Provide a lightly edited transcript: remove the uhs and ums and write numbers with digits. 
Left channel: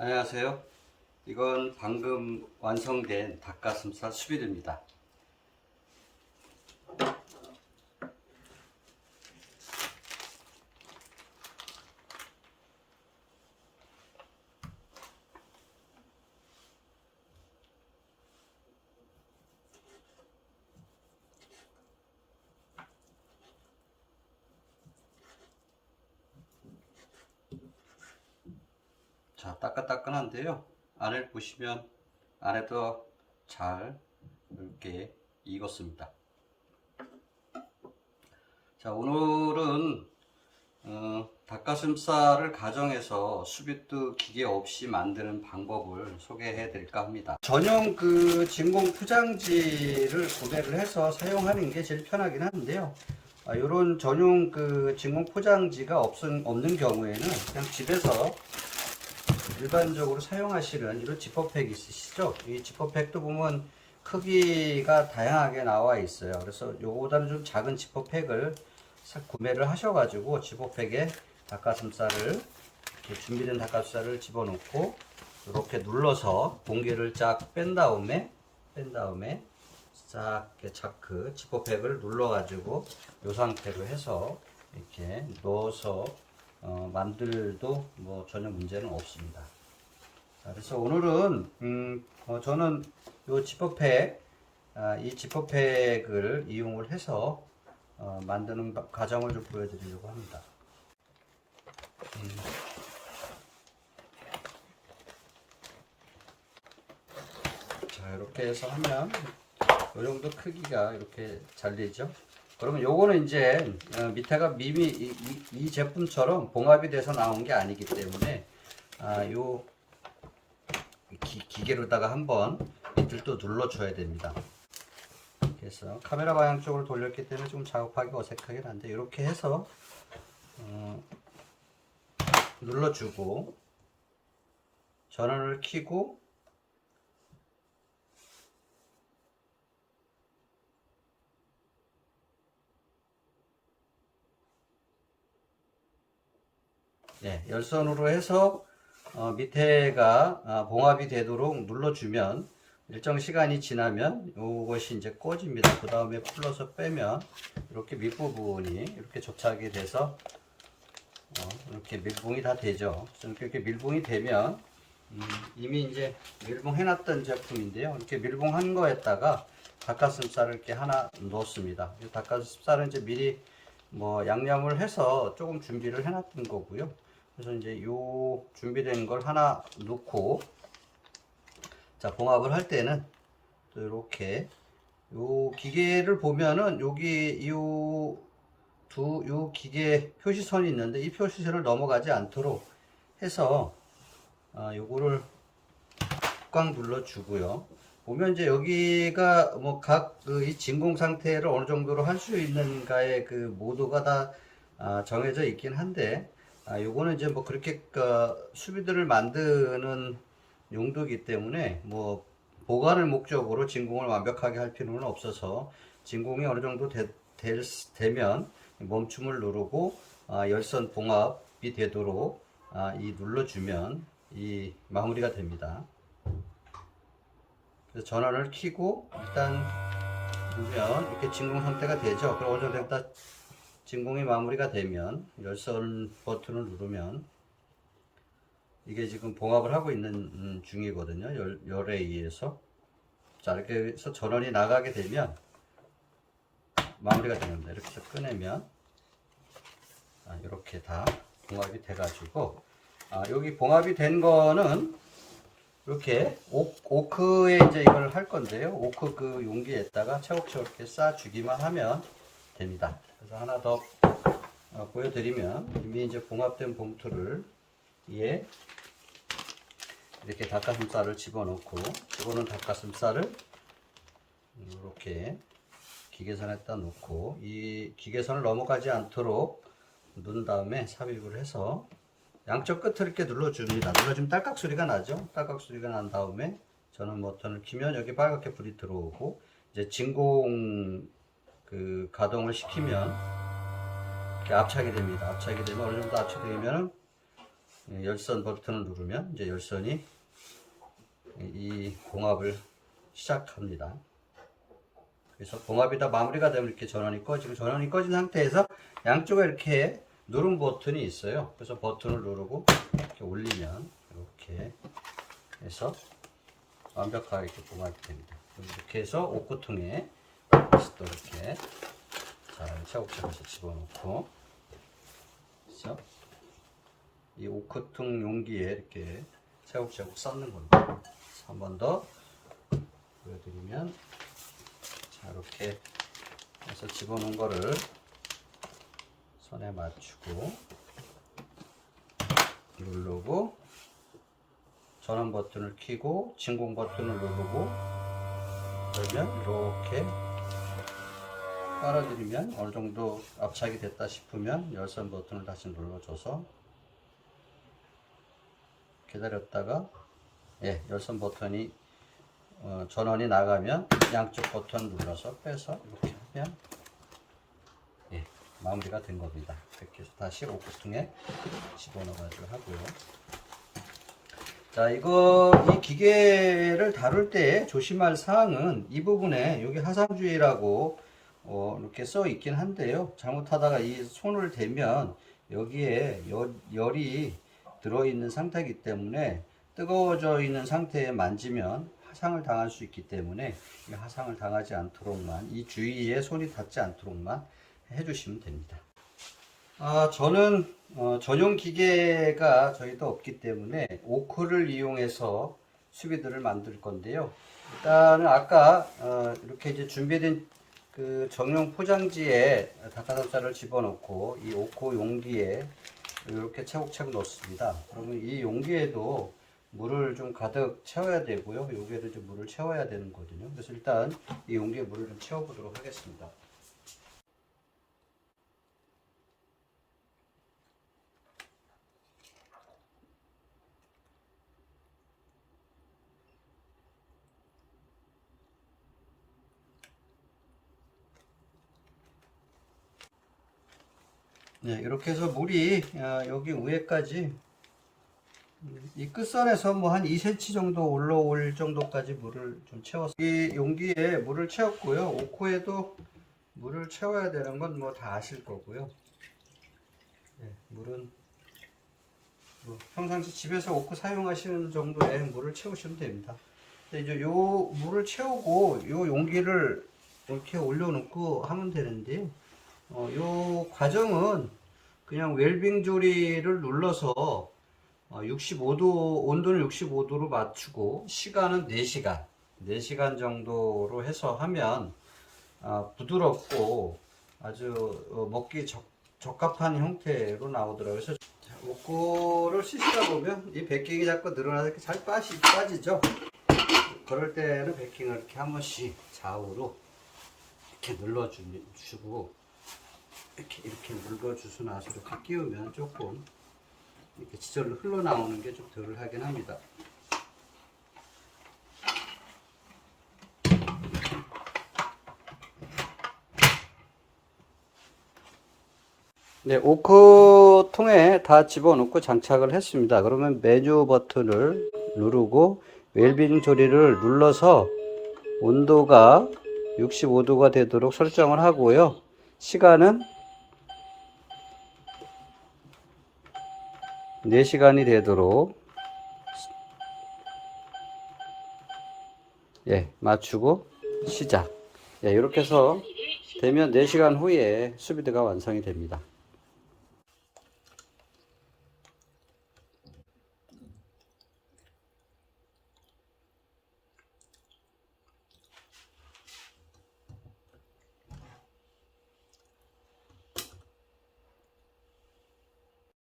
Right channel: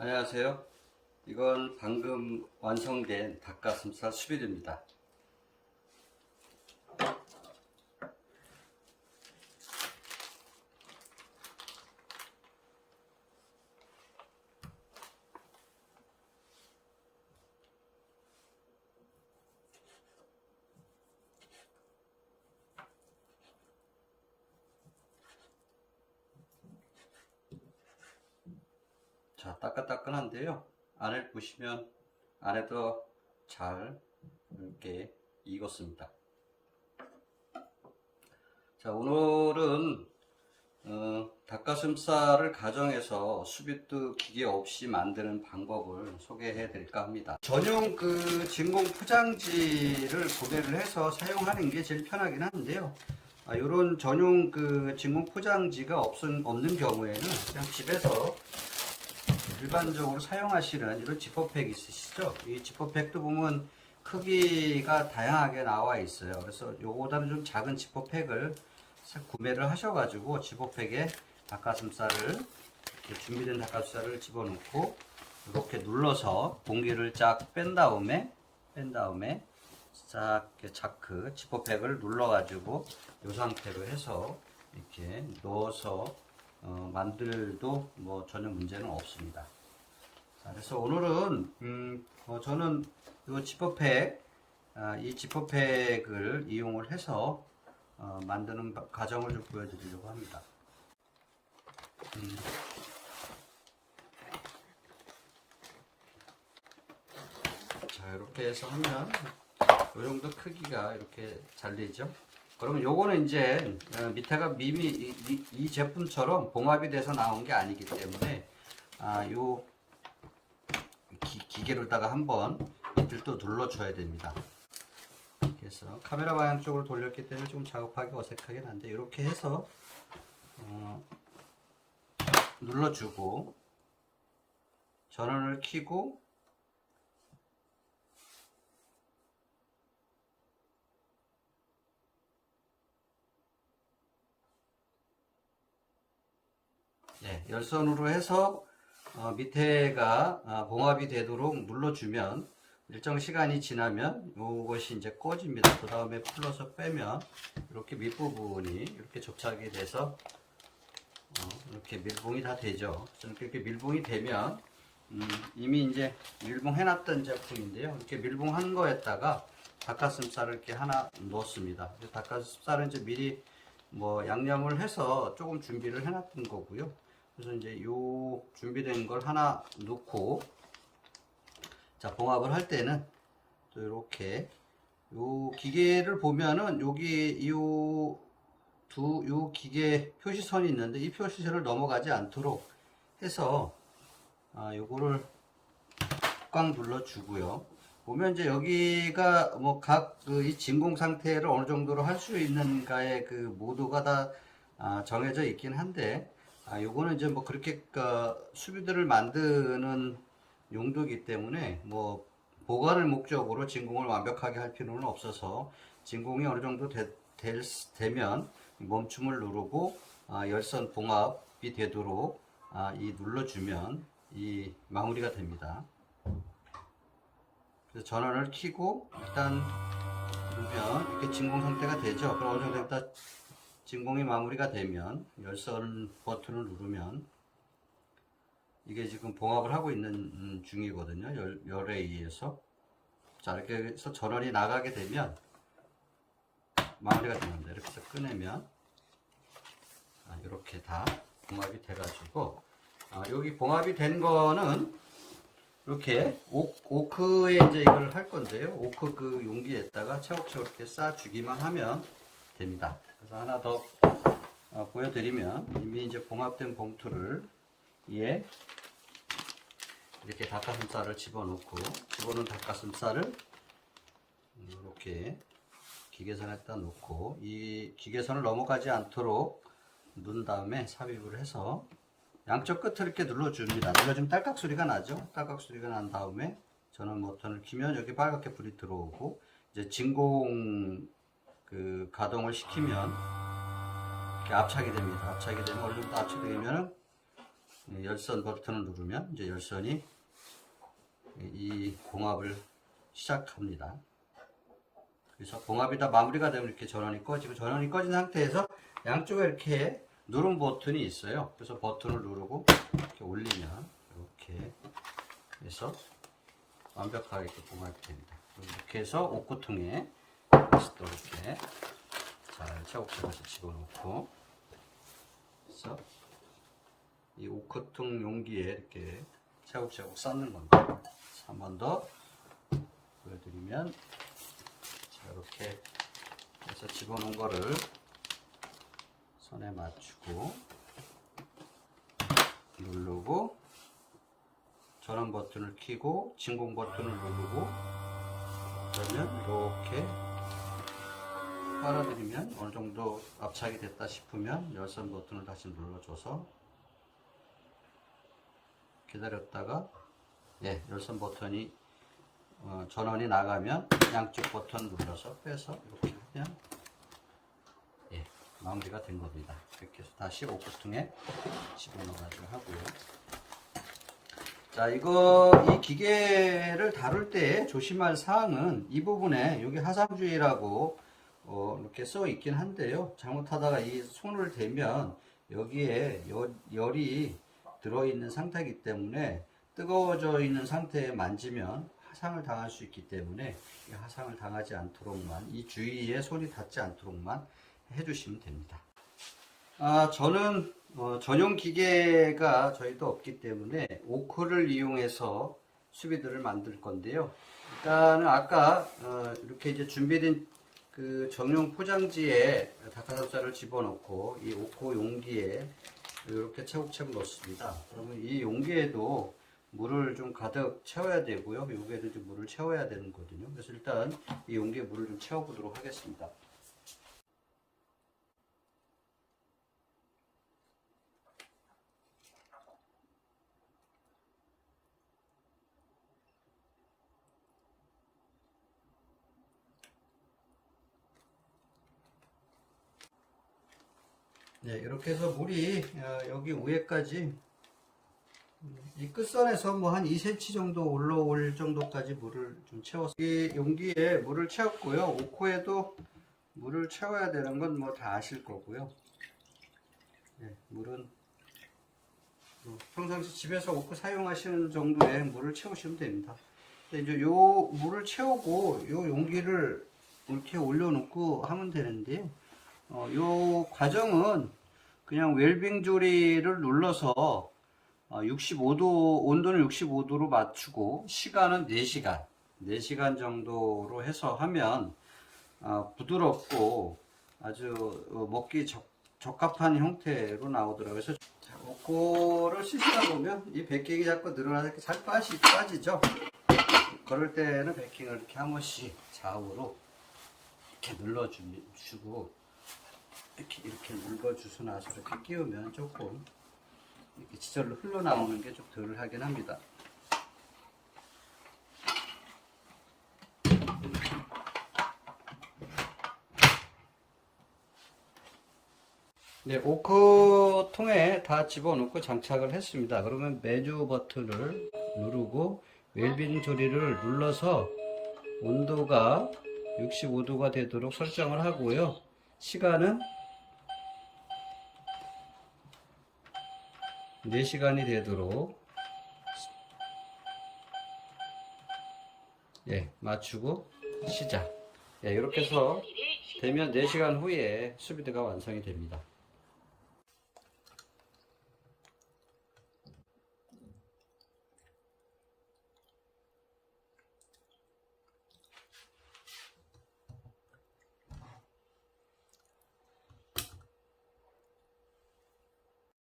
안녕하세요. 이건 방금 완성된 닭가슴살 수비드입니다. 자, 따끈따끈한데요. 안을 보시면 안에도 잘 이렇게 익었습니다. 자, 오늘은 닭가슴살을 가정에서 수비드 기계 없이 만드는 방법을 소개해 드릴까 합니다. 전용 진공 포장지를 구매를 해서 사용하는 게 제일 편하긴 한데요. 이런 전용 진공 포장지가 없는 경우에는 그냥 집에서 일반적으로 사용하시는 이런 지퍼팩 있으시죠? 이 지퍼팩도 보면 크기가 다양하게 나와 있어요. 그래서 요거보다는 좀 작은 지퍼팩을 구매를 하셔가지고 지퍼팩에 닭가슴살을 이렇게 준비된 닭가슴살을 집어넣고 이렇게 눌러서 공기를 쫙 뺀 다음에 싹 자크 지퍼팩을 눌러가지고 이 상태로 해서 이렇게 넣어서 만들도 뭐 전혀 문제는 없습니다. 자, 그래서 오늘은 저는 이 지퍼팩 이 지퍼팩을 이용을 해서 만드는 과정을 좀 보여드리려고 합니다. 자, 이렇게 해서 하면 이 정도 크기가 이렇게 잘리죠. 그러면 요거는 이제 밑에가 이 제품처럼 봉합이 돼서 나온 게 아니기 때문에 요 기계로다가 한번 밑을 또 눌러줘야 됩니다. 그래서 카메라 방향 쪽으로 돌렸기 때문에 좀 작업하기 어색하긴 한데 이렇게 해서 눌러주고 전원을 켜고 네, 열선으로 해서 밑에가 봉합이 되도록 눌러주면 일정 시간이 지나면 이것이 이제 꺼집니다. 그 다음에 풀러서 빼면 이렇게 밑부분이 이렇게 접착이 돼서 이렇게 밀봉이 다 되죠. 이렇게 밀봉이 되면 이미 이제 밀봉해 놨던 제품인데요. 이렇게 밀봉한 거에다가 닭가슴살을 이렇게 하나 넣습니다. 닭가슴살은 이제 미리 뭐 양념을 해서 조금 준비를 해 놨던 거고요. 그래서 이제 요 준비된 걸 하나 넣고 자, 봉합을 할 때는 또 이렇게 요 기계를 보면은 여기 요 기계 표시선이 있는데 이 표시선을 넘어가지 않도록 해서 요거를 꽉 눌러 주고요. 보면 이제 여기가 뭐 각 이 진공 상태를 어느 정도로 할 수 있는가의 그 모드가 다 정해져 있긴 한데 요거는 이제 뭐 그렇게 수비드를 만드는 용도이기 때문에 뭐 보관을 목적으로 진공을 완벽하게 할 필요는 없어서 진공이 어느 정도 되면 멈춤을 누르고 열선 봉합이 되도록 이 눌러주면 이 마무리가 됩니다. 그래서 전원을 켜고 일단 누르면 이렇게 진공 상태가 되죠. 그럼 어느 정도 됐다 진공이 마무리가 되면 열선 버튼을 누르면 이게 지금 봉합을 하고 있는 중이거든요. 열에 의해서. 자, 이렇게 해서 전원이 나가게 되면 마무리가 됩니다. 이렇게 해서 꺼내면 이렇게 다 봉합이 돼 가지고 여기 봉합이 된 거는 이렇게 오크에 이제 이걸 할 건데요. 오크 그 용기에다가 차곡차곡 이렇게 싸 주기만 하면 됩니다. 그래서 하나 더 보여드리면 이미 이제 봉합된 봉투를 위에 이렇게 닭가슴살을 집어넣은 닭가슴살을 이렇게 기계선에다 놓고 이 기계선을 넘어가지 않도록 누른 다음에 삽입을 해서 양쪽 끝을 이렇게 눌러줍니다. 눌러주면 딸깍 소리가 나죠. 딸깍 소리가 난 다음에 전원 버튼을 키면 여기 빨갛게 불이 들어오고 이제 진공 가동을 시키면 이렇게 압착이 됩니다. 압착이 되면 어느 정도 압착되면은 열선 버튼을 누르면 이제 열선이 이 봉합을 시작합니다. 그래서 봉합이 다 마무리가 되면 이렇게 전원이 꺼지고, 전원이 꺼진 상태에서 양쪽에 이렇게 누름 버튼이 있어요. 그래서 버튼을 누르고 이렇게 올리면 이렇게 해서 완벽하게 이렇게 봉합이 됩니다. 이렇게 해서 옥구통에 다시 또 이렇게 잘 차곡차곡 해서 집어넣고, 그래서 이 옥구통 용기에 이렇게 차곡차곡 쌓는 겁니다. 한 번 더 보여드리면, 자, 이렇게 해서 집어넣은 거를 선에 맞추고 누르고, 전원 버튼을 켜고 진공 버튼을 누르고, 그러면 이렇게 빨아들이면 어느 정도 압착이 됐다 싶으면 열선 버튼을 다시 눌러줘서 기다렸다가, 예, 열선 버튼이 전원이 나가면 양쪽 버튼 눌러서 빼서 이렇게 하면, 예, 마무리가 된 겁니다. 이렇게 해서 다시 옥구통에 집어넣어 가지고 하고요. 자, 이 기계를 다룰 때 조심할 사항은 이 부분에 여기 하상주의라고 이렇게 써 있긴 한데요. 잘못하다가 이 손을 대면 여기에 열이 들어있는 상태이기 때문에, 뜨거워져 있는 상태에 만지면 화상을 당할 수 있기 때문에 이 화상을 당하지 않도록만, 이 주위에 손이 닿지 않도록만 해주시면 됩니다. 저는 전용 기계가 저희도 없기 때문에 오크를 이용해서 수비드를 만들 건데요. 일단은 아까 이렇게 이제 준비된 그 정용 포장지에 닭가슴살을 집어넣고 이 오크 용기에 이렇게 차곡차곡 넣습니다. 그러면 이 용기에도 물을 좀 가득 채워야 되고요. 여기에도 이제 물을 채워야 되는 거거든요. 그래서 일단 이 용기에 물을 좀 채워보도록 하겠습니다. 네, 이렇게 해서 물이 여기 위에까지, 이 끝선에서 뭐 한 2cm 정도 올라올 정도까지 물을 좀 채웠어요. 이 용기에 물을 채웠고요. 오코에도 물을 채워야 되는 건 뭐 다 아실 거고요. 네, 물은 뭐 평상시 집에서 오코 사용하시는 정도의 물을 채우시면 됩니다. 근데 이제 요 물을 채우고 요 용기를 이렇게 올려놓고 하면 되는데요. 요 과정은 그냥 웰빙 조리를 눌러서 65도, 온도는 65도로 맞추고 시간은 4시간, 4시간 정도로 해서 하면 부드럽고 아주 먹기 적합한 형태로 나오더라고요. 그래서 오코를 씻다 보면 이 베이킹이 자꾸 늘어나서 이렇게 잘 빠지죠. 그럴 때는 베이킹을 이렇게 한 번씩 좌우로 이렇게 눌러주고, 이렇게 물궈주고 나서 이렇게 끼우면 조금 이렇게 지절로 흘러나오는 게 좀 덜 하긴 합니다. 네, 오크통에 다 집어넣고 장착을 했습니다. 그러면 메뉴 버튼을 누르고 웰빙 조리를 눌러서 온도가 65도가 되도록 설정을 하고요. 시간은 4시간이 되도록, 예, 맞추고 시작. 예, 이렇게 해서 되면 4시간 후에 수비드가 완성이 됩니다.